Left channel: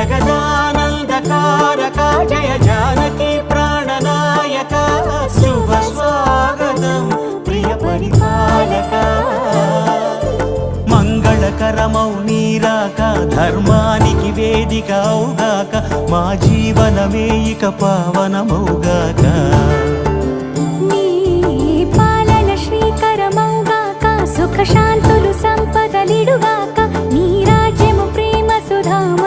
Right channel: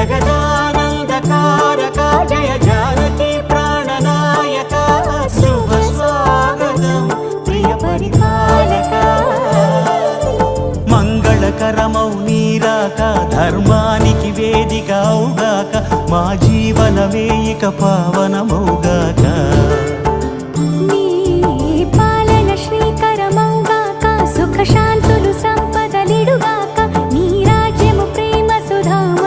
జగదానందకారక జయ జానకి ప్రాణనాయక శుభ స్వాగతం ప్రియ పరిపాలక మంగళకరమౌ నీరాక ధర్మానికి వేదిక అవుగాక మా జీవనమే ఇక పావనమౌగాక నీ పాలన శ్రీకరమౌగాక సుఖ శాంతులు సంపదలిడుగాక నీ రాజ్యము ప్రేమ సుధామ